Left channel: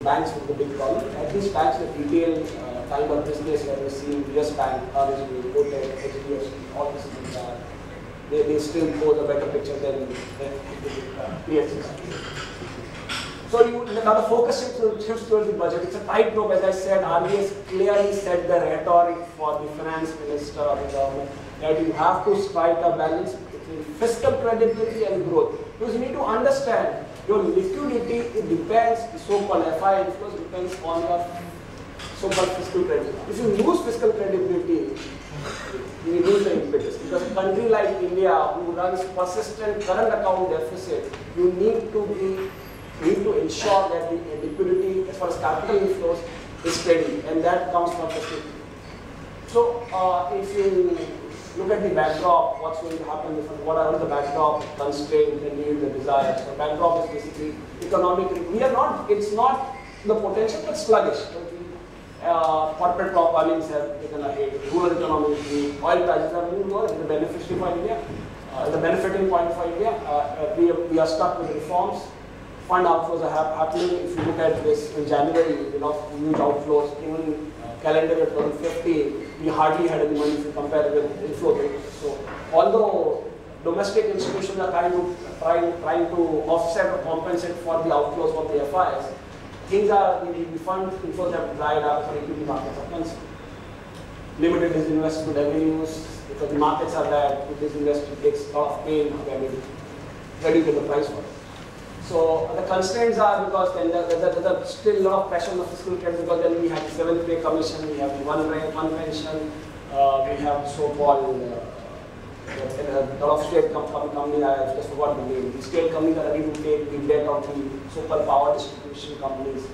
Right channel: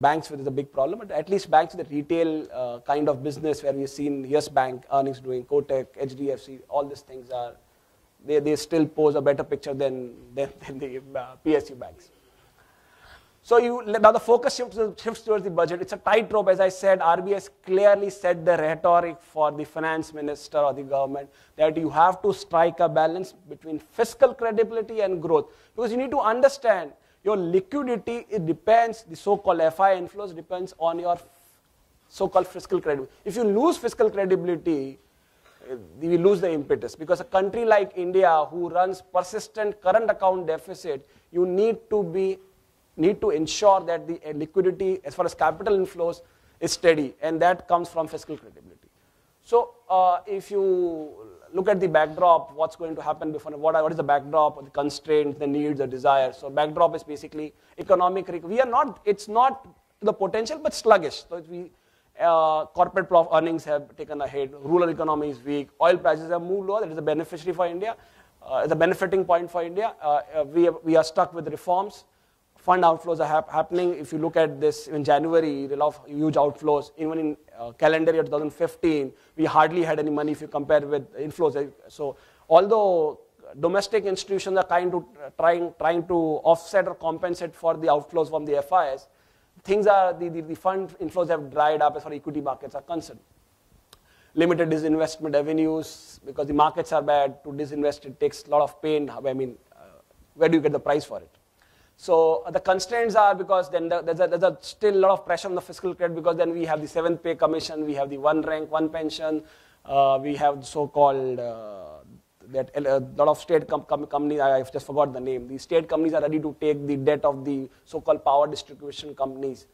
banks with the big problem. At least banks with retail kind of business where we've seen Yes Bank, Earnest Way, Kotak, HDFC, all these things are they still pose a better picture than the PSU bank. So now the focus shifts towards the budget. It's a tightrope, as I said. RBI has clearly set the rhetoric for the finance minister or the government that you have to strike a balance between fiscal credibility and growth. Because you need to understand your liquidity, it depends, the so-called FI inflows depends on your so-called fiscal credibility. If you lose fiscal credibility, you lose the impetus. Because a country like India who runs persistent current account deficit, you need to ensure that the liquidity as far as capital inflows is steady, and that comes from fiscal. So if you look at the backdrop, what's going to happen, what is the backdrop, constraint, the need, the desire. So backdrop is basically economic. It's not the potential, but sluggish. But the corporate block earnings have taken a hit. Rural economy is weak. Oil prices have moved lower. It's the beneficiary for India. The benefiting point for India. We are stuck with reforms. Fund outflows are happening. If you look at this in January, we lost huge outflows. Even in calendar year 2015, we hardly had any money if you compare with inflows. So, although domestic institutions are trying to offset or compensate for the outflows from the FIs, things are the fund inflows have dried up for equity markets are concerned. Limited disinvestment revenues because the markets are bad. To disinvest it takes a lot of pain. Where do you get the price for it? So the constraints are because then there's still a lot of pressure on the fiscal credit because then we have the 7th pay commission, we have the one pension, we have so-called a lot of state companies, I just forgot the name. The state companies are ready to take the debt of the so-called power distribution companies.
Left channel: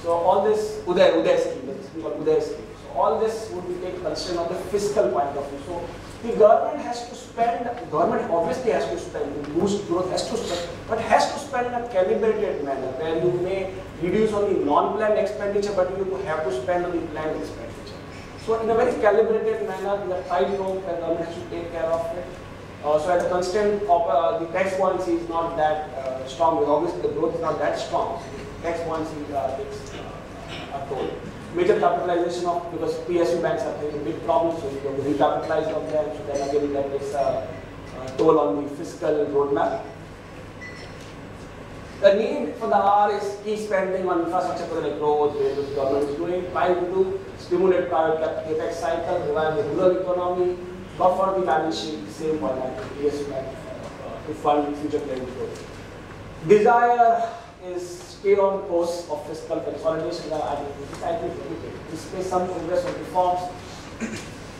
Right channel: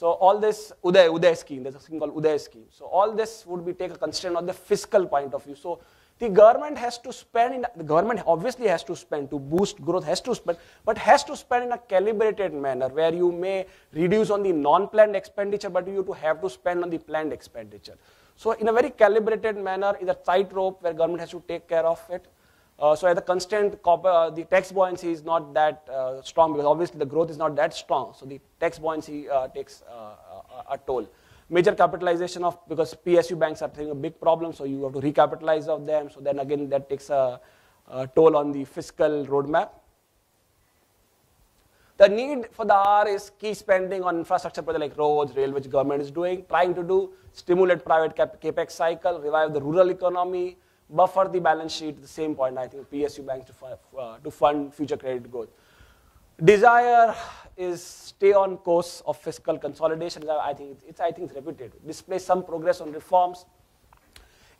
So all this Uday scheme, there's a thing called Uday scheme. So all this would be taken constraint on the fiscal point of view. So the government has to spend, the government obviously has to spend to boost growth, has to spend, but has to spend in a calibrated manner where you may reduce on the non-planned expenditure, but you have to spend on the planned expenditure. So in a very calibrated manner, the tightrope, the government has to take care of it. So at the constant, the tax buoyancy is not that strong. Obviously, the growth is not that strong. So the tax buoyancy takes a toll. Major capitalization of, because PSU banks are having a big problem, so you have to recapitalize of them, so then again that takes a toll on the fiscal roadmap. The need for the R is key spending on infrastructure like roads, which government is doing, trying to do, stimulate private capex cycle, revive the rural economy, buffer the balance sheet, same point like the PSU bank to fund future credit growth. Desire is stay on course of fiscal consolidation. I think display some progress with reforms,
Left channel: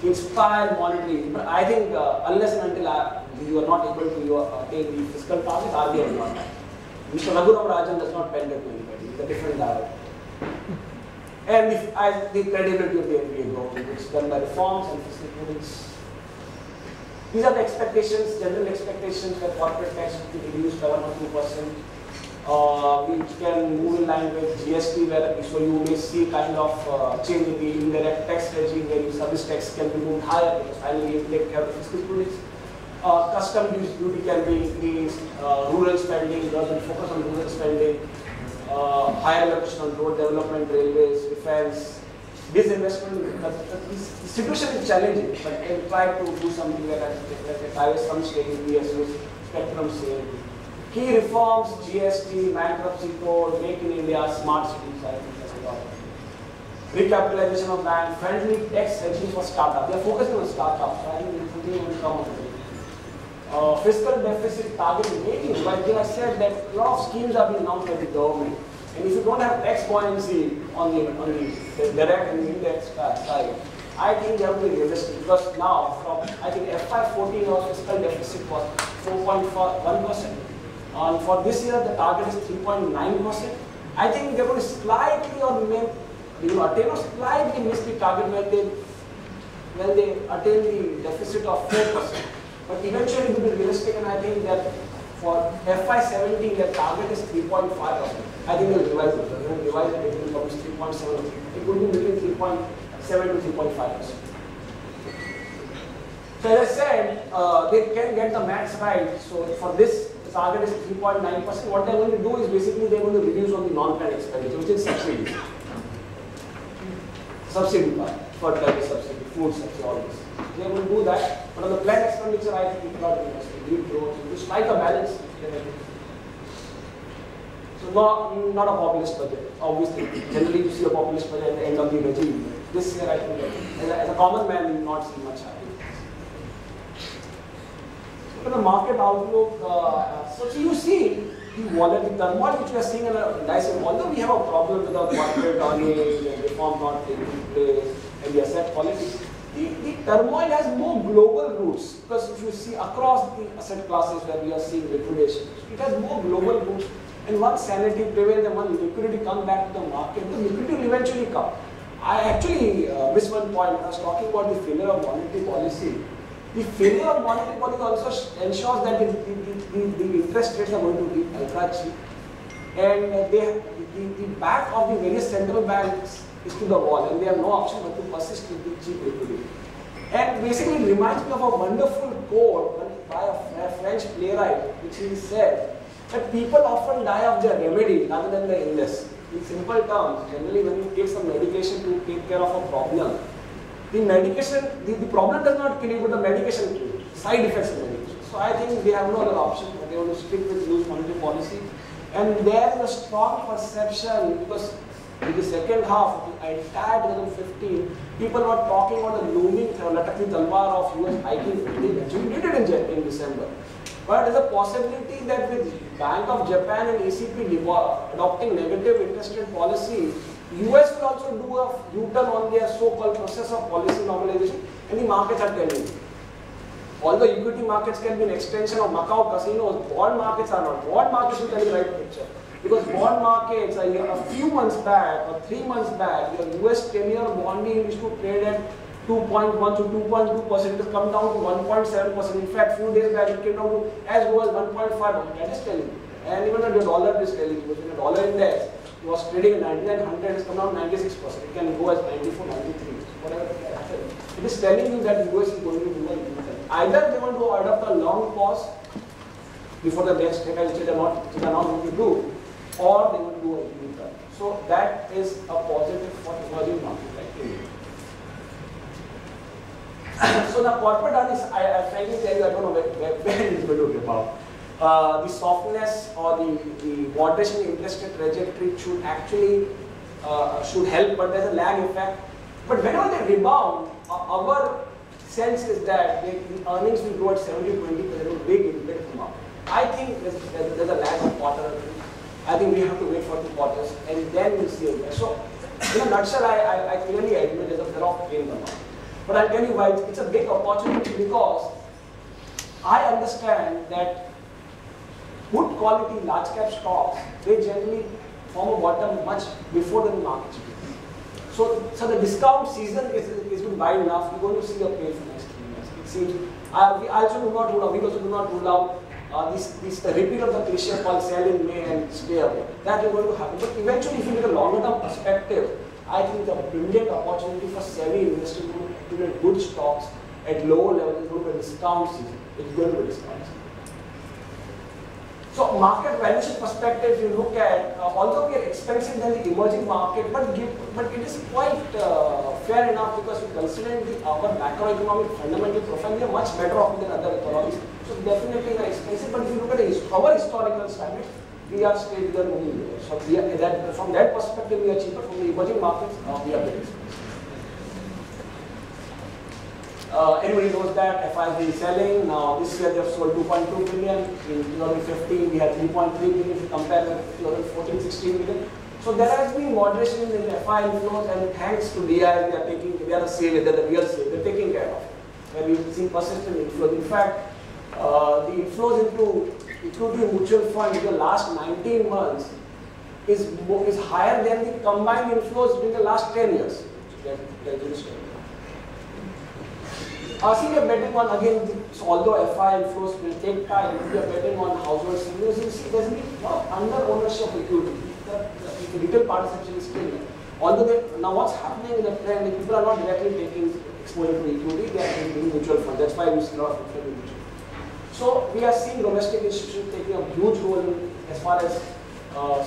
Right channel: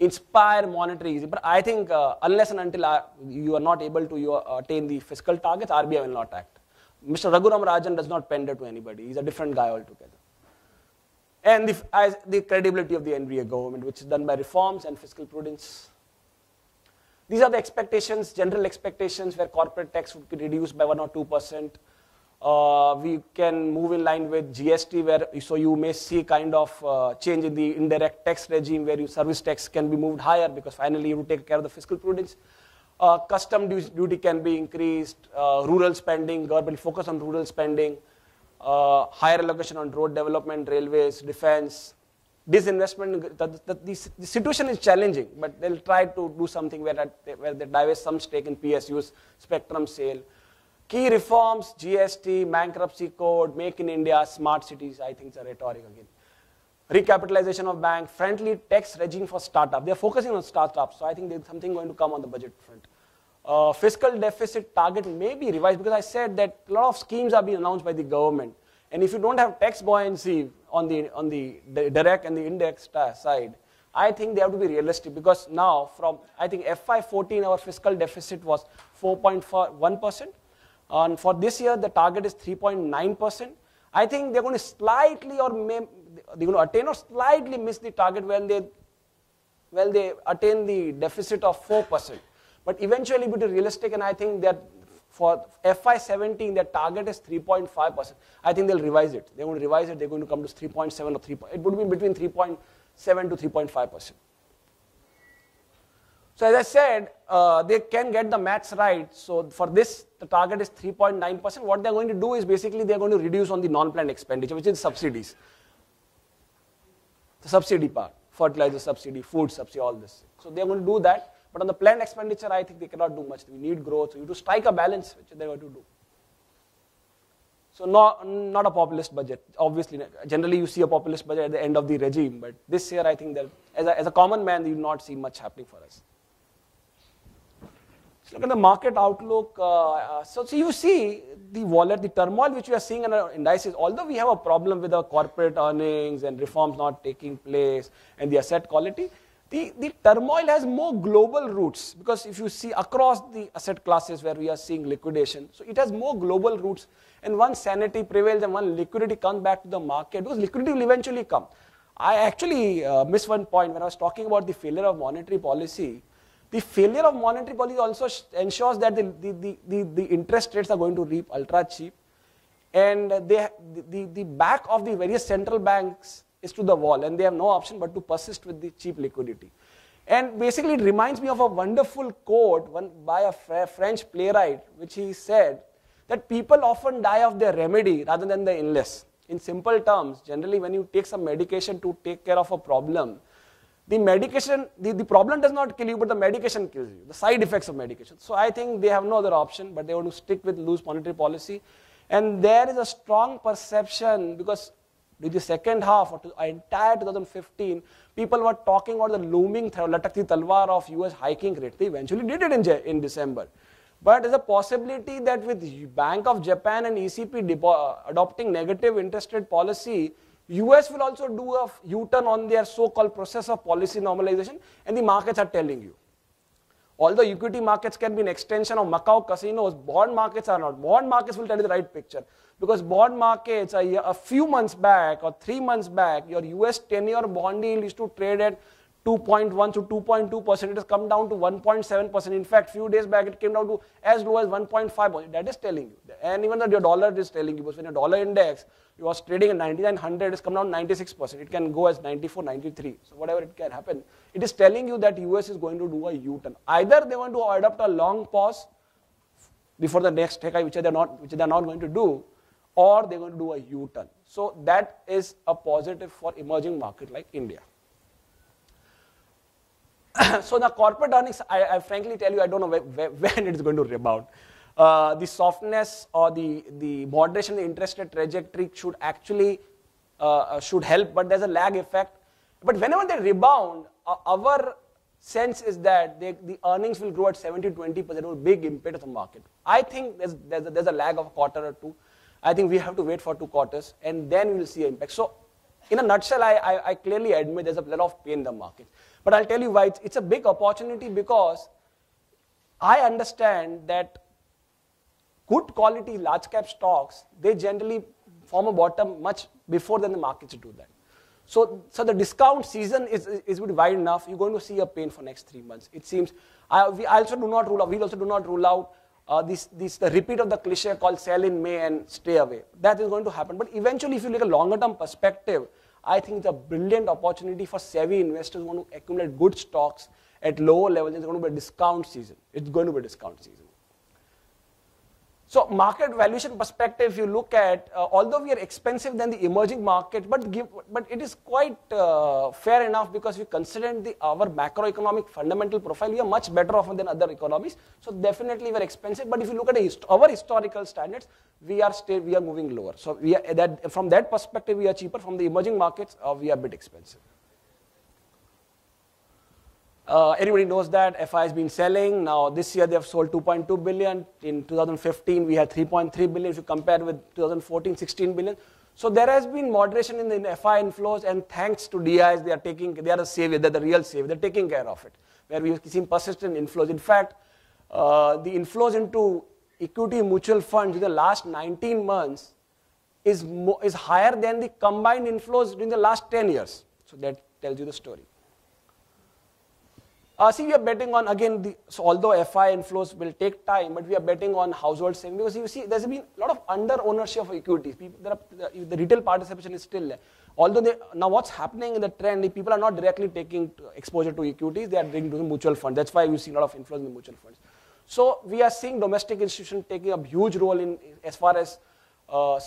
inspire monetary easing. But I think unless and until you are not able to attain the fiscal target, RBI will not act. Mr. Raghuram Rajan does not pander to anybody. He's a different guy. And the credibility of the NBA goes, it's done by reforms and fiscal prudence. These are the expectations, general expectations that corporate tax will be reduced by 1 or 2%. We can move in line with GST, where so you may see kind of change in the indirect tax regime where your service tax can be moved higher because finally you take care of the fiscal prudence. Custom duty can be increased, rural spending, rather than focus on rural spending, higher allocation on road development, railways, defense, disinvestment. The situation is challenging, but can try to do something where they divest some stake in PSUs, spectrum sale. Key reforms, GST, bankruptcy code, make in India, smart cities, recapitalization of bank, friendly tax regime for startup. They are focusing on startups, so I think the thing will come on the fiscal deficit target in 18, because I said that a lot of schemes are being announced by the government. And if you don't have tax buoyancy on the direct and the indirect side, I think they have to be realistic because now from, I think FY14 our fiscal deficit was 4.1%. And for this year, the target is 3.9%. I think they're going to slightly or attain or slightly miss the target when they attain the deficit of 4%. But eventually, it will be realistic, and I think that for FY17, their target is 3.5%. I think they'll revise it. So they will revise it, it will come to 3.7 or 3. It will be between 3.7 to 3.5%. So as I said, they can get the max right. So for this, target is 3.9%. What they're going to do is basically they're going to reduce on the non-planned expenditure, which is subsidies. Subsidy part, fertilizer subsidy, food subsidy, all this. They're going to do that. But on the planned expenditure, I think we cannot do this. We need growth. To strike a balance. So not a populist budget. Obviously, generally you see a populist budget at the end of the regime. But this year, I think that as a common man, we will not see much happening. Look at the market outlook. So you see the turmoil which we are seeing in the indices. Although we have a problem with our corporate earnings and reforms not taking place and the asset quality, the turmoil has more global roots, because if you see across the asset classes where we are seeing liquidation, it has more global roots. And once sanity prevails and when liquidity comes back to the market, because liquidity will eventually come. I actually missed one point when I was talking about the failure of monetary policy. The failure of monetary policy also ensures that the interest rates are going to be ultra cheap, and the back of the various central banks is to the wall, and they have no option but to persist with the cheap liquidity. And basically, it reminds me of a wonderful quote by a French playwright, which he said that people often die of their remedy rather than the illness. In simple terms, generally, when you take some medication to take care of a problem, the medication, the problem does not kill you, but the medication kills you. Side effects of medication. So I think they have no other option, but they want to stick with loose monetary policy. And there is a strong perception, because in the second half of the entire 2015, people were talking about the looming Latakti Talwar of US hiking. It eventually did it in December. But there's a possibility that with Bank of Japan and ECB adopting negative interest rate policy, US will also do a U-turn on their so-called process of policy normalization, and the markets are telling you. Although equity markets can be an extension of Macau casinos, bond markets are not. Bond markets will tell you the right picture. Because bond markets, a few months back or 3 months back, your US 10-year bond yield used to trade at 2.1 to 2.2%. It has come down to 1.7%. In fact, few days back it came down to as low as 1.5%. That is telling you. And even the dollar is telling you, because the dollar index was trading at 9900, it has come down to 96%. It can go as 94, 93, whatever it can happen. It is telling you that US is going to do a U-turn. Either they want to adopt a long pause before the next rate hike, which they are not going to do, or they want to do a U-turn. So that is a positive for emerging markets like India. So the corporate earnings, I frankly tell you, I don't know where it is going to rebound. The softness or the moderation in interest rate trajectory should actually should help, but there's a lag effect. But whenever they rebound, our sense is that the earnings will grow at 70-20%, a big impact in the market. I think there's a lag of quarter or two. I think we have to wait for 2 quarters, and then we'll see impact. So, in a nutshell, I clearly admit there's a lot of pain in the market. But I'll tell you why. It's a big opportunity, because I understand that good quality large cap stocks, they generally form a bottom much before the market should be. So the discount season is wide enough. You're going to see a pain for next 3 months. It seems. We also do not rule out this repeat of the cliche called sell in May and stay away. That is going to happen. But eventually, if you look at a longer term perspective, I think the brilliant opportunity for savvy investors going to accumulate good stocks at lower levels is going to be a discount season. It's going to be a discount season. So market valuation perspective, if you look at, although we are expensive than the emerging market, but it is quite fair enough, because you consider our macroeconomic fundamental profile, we are much better off than other economies. So definitely we are expensive, but if you look at our historical standards, we are moving lower. So from that perspective, we are cheaper. From the emerging markets, we are very expensive. Anybody knows that FI has been selling. Now this year they have sold 2.2 billion. In 2015 we had 3.3 billion. If you compare with 2014, 16 billion. So there has been moderation in the FI inflows, and thanks to DIs, they are the real save. They're taking care of it. And we've seen persistent inflows. In fact, the inflows into equity mutual funds in the last 19 months is higher than the combined inflows in the last 10 years. So that is true. See, we are betting on, again, so although FI inflows will take time, but we are betting on households, because you see there's been a lot of under ownership of equity. The retail participation is still there. Although now what's happening in the trend, if people are not directly taking exposure to equity, they are doing mutual funds. That's why you see a lot of inflows in mutual funds. So we are seeing domestic institutions taking a huge role in as far as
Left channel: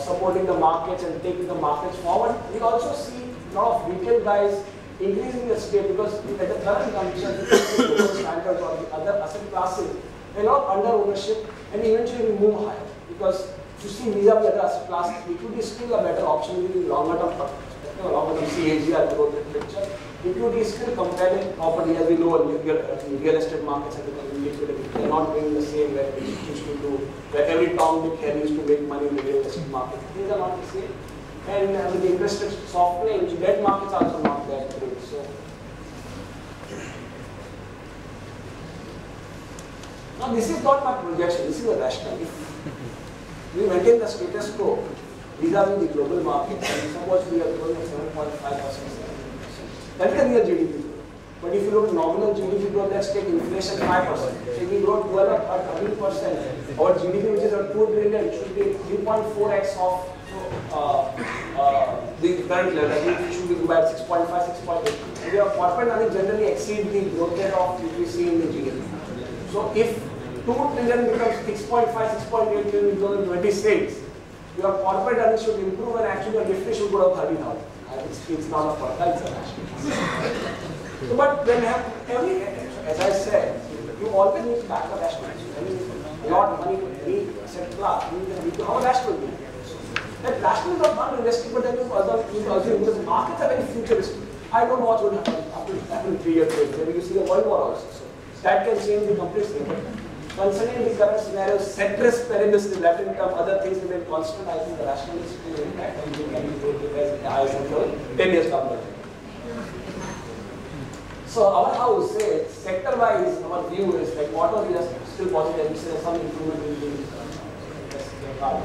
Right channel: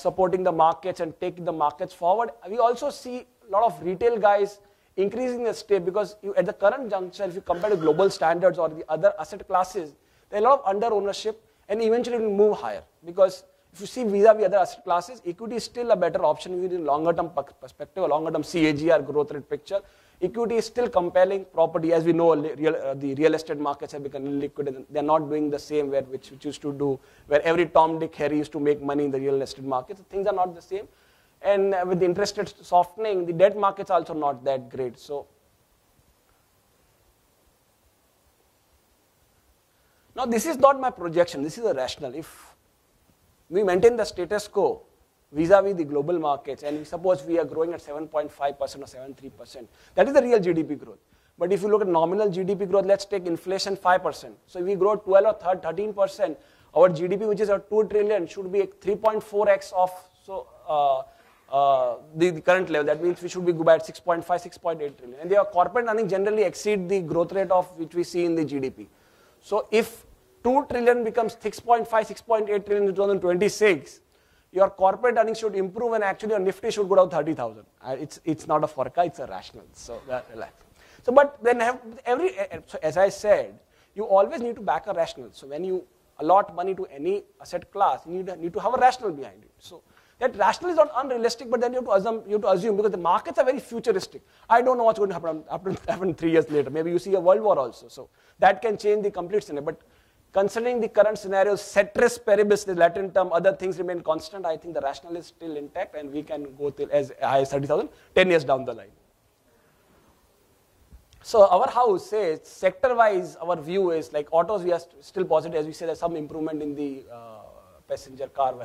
supporting the markets and taking the markets forward. We also see a lot of retail guys increasing their stake because at the current juncture, if you compare the global standards or the other asset classes, they're not under ownership and eventually will move higher. Because if you see vis-a-vis other asset classes, equity is still a better option in longer term perspective, longer term CAGR growth rate picture. Equity is still compelling property, as we know the real estate markets and becoming liquid. They're not doing the same where it used to do, where every Tom, Dick, Harry used to make money in the real estate market. Things are not the same. And with the interest rates softening, the debt markets are also not that great. So now this is not my projection, this is a rationale. If we maintain the status quo vis-a-vis the global markets, and suppose we are growing at 7.5%, that is the real GDP growth. But if you look at nominal GDP growth, let's take inflation 5%. So if we grow 12 or 13%, our GDP, which is at 2 trillion, should be 3.4x of the current level. I think we should be go by 6.5, 6.8. And your corporate earnings generally exceed the growth rate of which we see in the GDP. So if 2 trillion becomes 6.5, 6.8 trillion in 2026, your corporate earnings should improve and actually your Nifty should go down 30,000. It's not a forecast, it's a rationale. So, but then as I said, you always need to back a rationale. So when you allot money to any asset class, you need to have a rationale behind it. So that rationale is not unrealistic, but then you assume because the markets are very futuristic. I don't know what's going to happen 3 years later. Maybe you see a world war also. So that can change the complete scenario. But concerning the current scenario, ceteris paribus, the Latin term, other things remain constant. I think the rationale is still intact and we can go as I said, 10 years down the line. So our house says, sector-wise, our view is like autos, we are still positive. We see there's some improvement in the car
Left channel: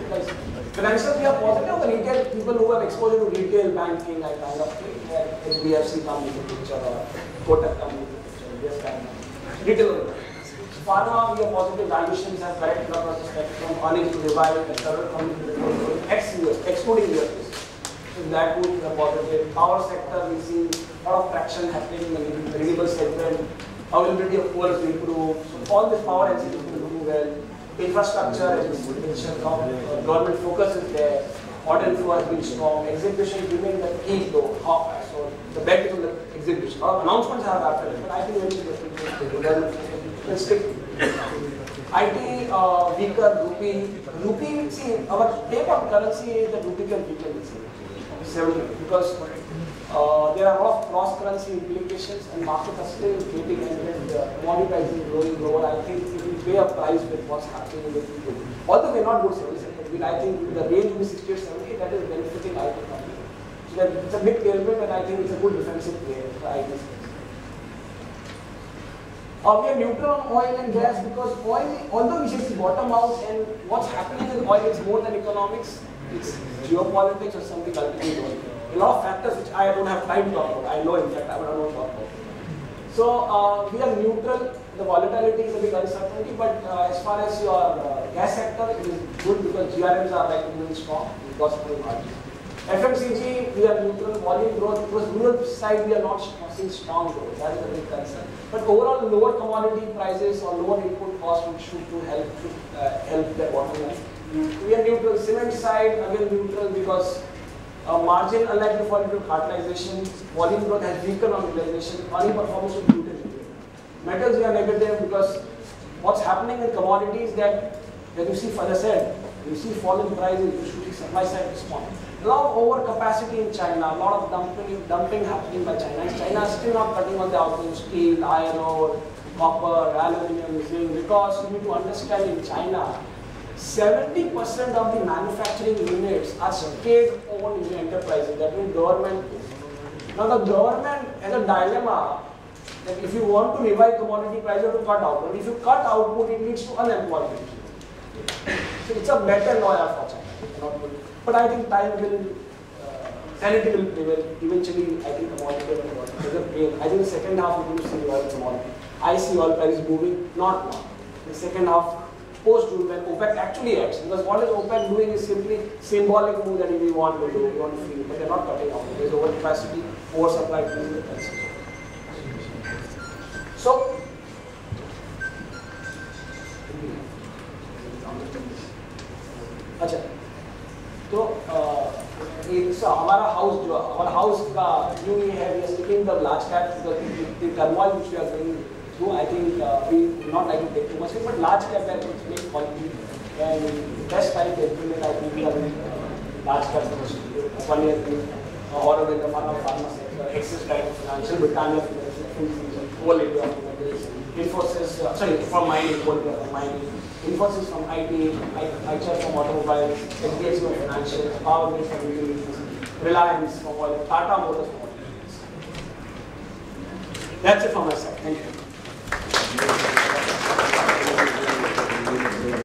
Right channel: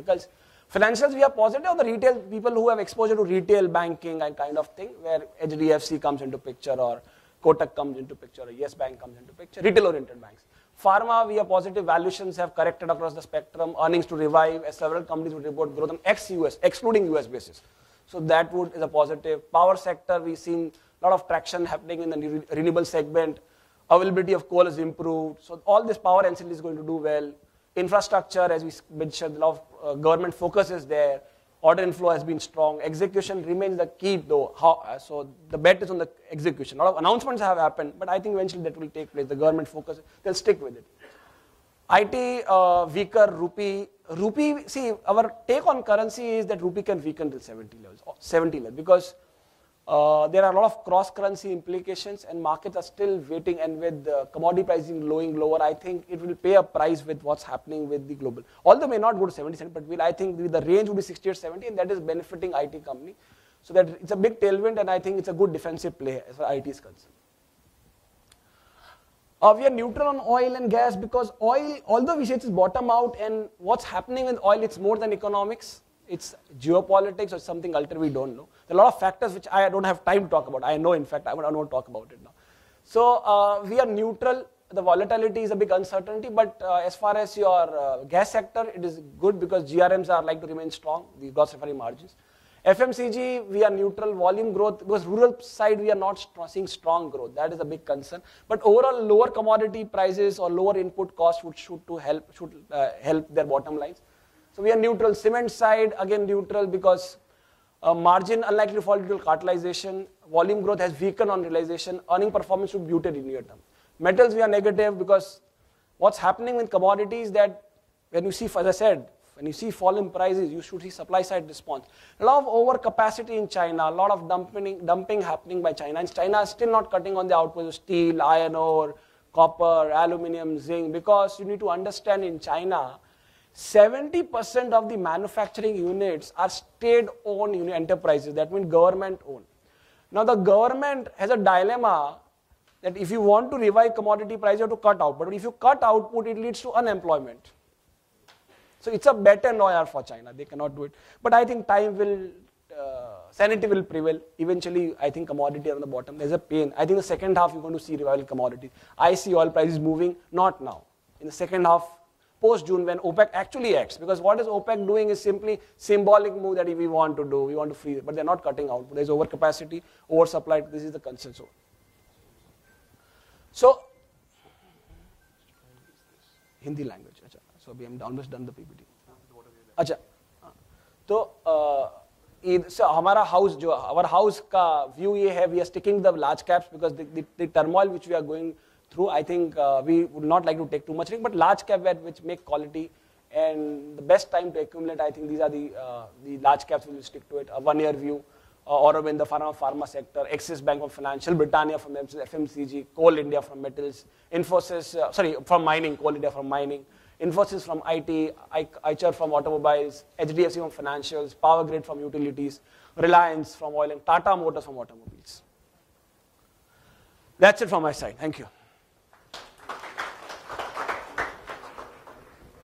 because financial, we are positive. The retail people who have exposure to retail banking, I kind of think where HDFC comes into the picture or Kotak comes into the picture. Yes, bank, retail oriented. Pharma, we are positive. Valuations have corrected across the spectrum. Earnings to revive as several companies reported growing ex-US, excluding US cases. So that would be the positive. Power sector, we see a lot of traction happening in the renewable segment. Availability of coal is improved. So all this power LCD is going to do well. Infrastructure, as you mentioned, government focus is there. Order inflow has been strong. Execution remains the key though. So the bet is on the execution. A lot of announcements have happened, but I think eventually the government focus will stick. IT weaker, rupee. See, our take on currency is that rupee can weaken this 70 because there are a lot of cross-currency implications and markets are still waiting and with the commodity prices going lower. I think it will pay a price with what's happening with the global. Although may not do 70, I think the range will be 60 or 70, that is benefiting IT companies. So that it's a big tailwind and I think it's a good defensive play for IT. We are neutral on oil and gas because oil, although we see it's bottom out and what's happening with oil, it's more than economics, it's geopolitics or something ultimately going. A lot of factors which I don't have time to talk about. I know, in fact, I will not talk about. So we are neutral. The volatility is a big uncertainty, but as far as your gas sector is good because GRMs are likely to remain strong because of the margins. FMCG, we are neutral. Volume growth, because rural side we are not seeing strong growth. That is a big concern. But overall, lower commodity prices or lower input costs would should help their bottom line. We are neutral. Cement side, again neutral because margin unlikely to fall due to cartelization. Volume growth has weakened on realization. Earning performance should be muted in here. Metals, we are negative because what's happening in commodities that when you see, as I said, when you see fall in prices, you should see supply side respond. A lot of overcapacity in China, a lot of dumping happening by China. And China is still not cutting on the output, steel, iron ore, copper, aluminium, zinc, because you need to understand in China, 70% of the manufacturing units are state-owned enterprises, that means government. Now the government has a dilemma that if you want to revive commodity price, you have to cut output. And if you cut output, it leads to unemployment. So it's a better lawyer for China. It cannot be. But I think time will, sanity will prevail. Eventually, I think commodity is a gain. I think the second half we will see revival commodity. I see oil prices moving, not now. In the second half, post-June, when OPEC actually acts. Because what is OPEC doing is simply symbolic move that we want to do, we want to feel, but they are not cutting off. There is overcapacity, oversupply is the concern. So, अच्छा, तो it's हमारा house जो हमारा house का view ये है, we are sticking the large cap because the turmoil which we are going through, I think we would not like to take too much, but large cap where which make quality and best time to implement, I think we are doing large cap which one year or in the pharma sector, Axis Bank Financial, Britannia Financial, Coal India from metals, Infosys, sorry, from mining, Coal India from mining, Infosys from IT, IIFL from automobiles, HDFC from financial, Power Grid from utilities, Reliance from oil, Tata Motors from oil. That's it from my side. Thank you.